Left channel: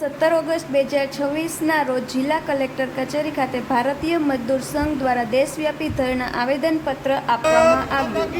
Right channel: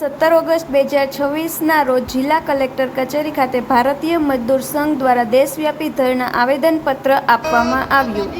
17 August 2026ના રોજ જિલ્લા collector કચેરી ખાતે ભારતીય મજદૂર સંઘ દ્વારા દેશવ્યાપી ધરણા આવેદનપત્ર આપવામાં આવ્યું।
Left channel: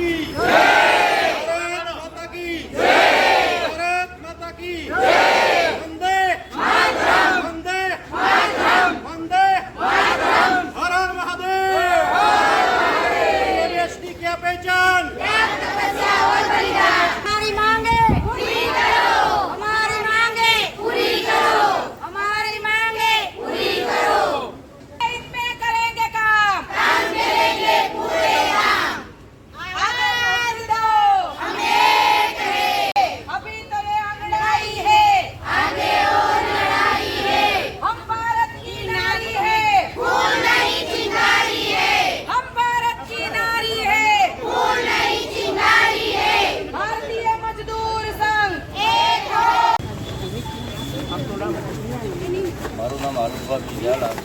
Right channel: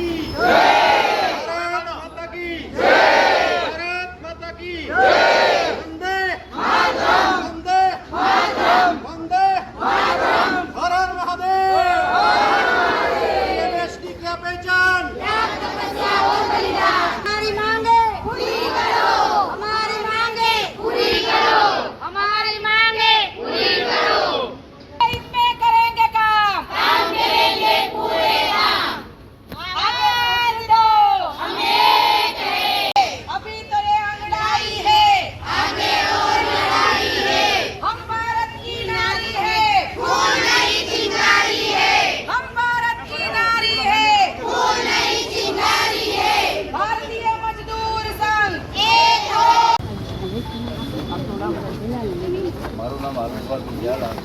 મારું નામ આલુભાઈ ઝાલા,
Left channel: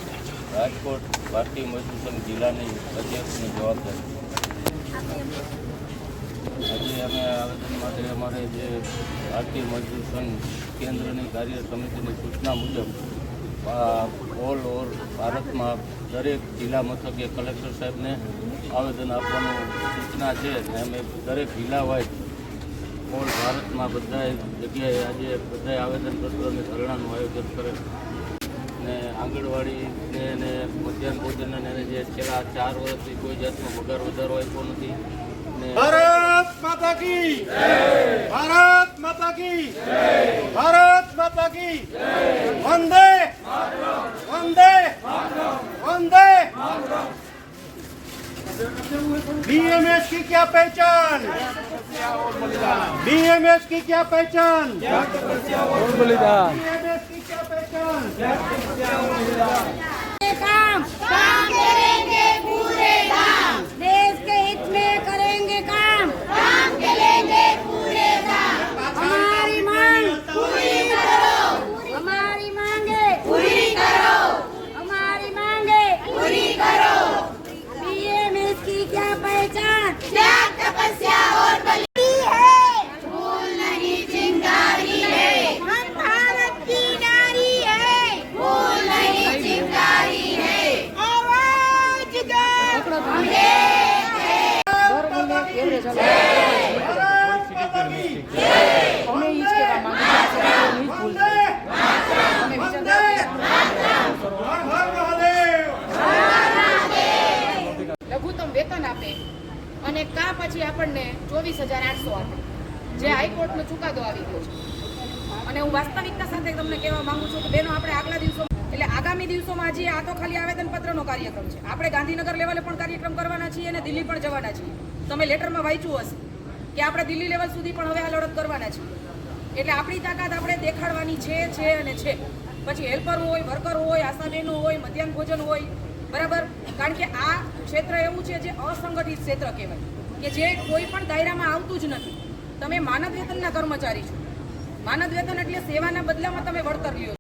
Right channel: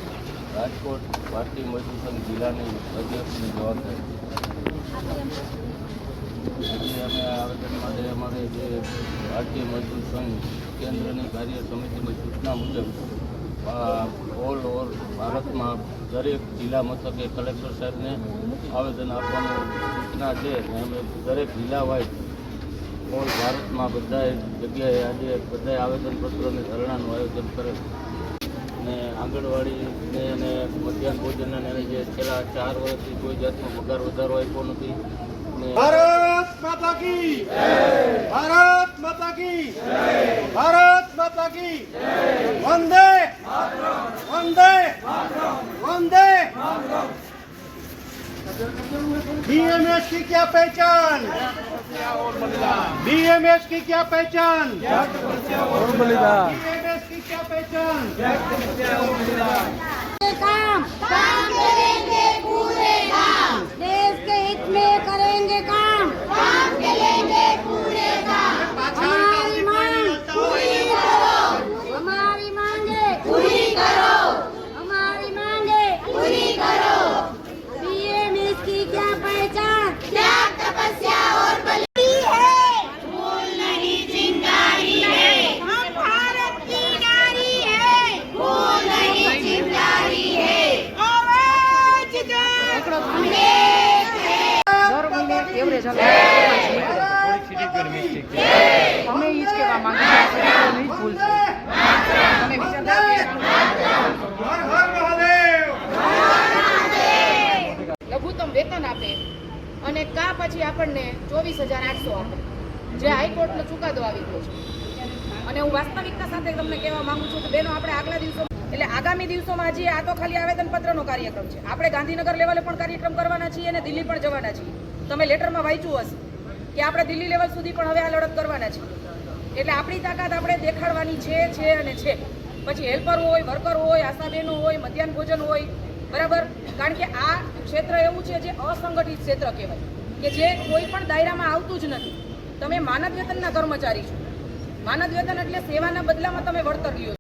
રાજકોટ ભારતીય મજદૂર સંઘ જિલ્લાની અધ્યક્ષની જવાબદારી। આજે અમે આવેદન માટે અમારે જે ભારતીય મજદૂર સંઘ કેન્દ્રની કાર્ય સમિતિની સૂચના મુજબ ઓલ ઓવર ભારતમાં દરેક જિલ્લા મથકે કલેક્ટર સાહેબને આવેદન આપવાનું સૂચના છે અને અમે દરેક જિલ્લા વાઇઝ ઓલ ભારતમાં બધા જગ્યાએ આજે બધા આવેદનપત્રોને ધરણાનું આયોજન કરે અને આંગણવાડીને અને મધ્યાહન ભોજનને અને જે છેલ્લા 4 વર્ષથી કોઈ જાતનો પગાર વધારો આપ્યો નથી અને ભારત માતા કી જય, ભારત માતા કી જય, ભારત માતા કી જય, વંદે વંદે વંદે। बीएमएस की क्या पहचान, बीएमएस की क्या पहचान, बीएमएस की क्या पहचान। काम करेंगे पूरे काम, देश के हित में करेंगे काम करेंगे पूरे काम। हमारी मांग पूरी करो, हमारी मांगे पूरी करो, हमारी मांगे पूरी करो। बीएमएस की क्या पहचान, त्याग तपस्या और बलि है, फूल नहीं चिंगारी है। हम भारत की नारी है, फूल नहीं चिंगारी है। आवाज दो, हम एक हैं। અમે ઈ જ કહેવા માંગીએ છીએ કે નહીં ભૂલશે અને લઘુત્તમ વેતન આપે અને કા પછી આપણને 24,800 આપે, જે હાઈકોર્ટનો ચુકાદો આવી ગયો છે। અને હું વાસ્તવિકતા સાથે તમને કહેવા માંગુ છું કે બેનો આપણે આગલા દિવસો એટલે આગામી દિવસોમાં હજી આ તો ખાલી આવેદનપત્રનો કાર્યક્રમ છે, આપણે ગાંધીનગર લેવલે પણ કાર્યક્રમ કરવાના છીએ અને દિલ્હી પણ જવાના છીએ। તમે લેટરમાં વાંચ્યું હશે કે આપણે દિલ્હી લેવલ સુધી પણ હવે આ લડત કરવાના છીએ। એટલે આપણી તાકાત આપણે દેખાડવાની છે અને છે। પછી હેલ્પર હોય, વર્કર હોય, આશા બહેનો હોય, મધ્યાહન ભોજન હોય, બરાબર। કારણ કે આ ક્ષેત્ર એવું છે જે અસંગઠિત ક્ષેત્ર કહેવાય કે જે કોઈ પણ દાયરામાં આવતું જ નથી। તમે માનદ વેતનના કર્મચારી છો, માનદ વેતન એટલે સેવાના બદલામાં તમે વળતર લ્યો છો।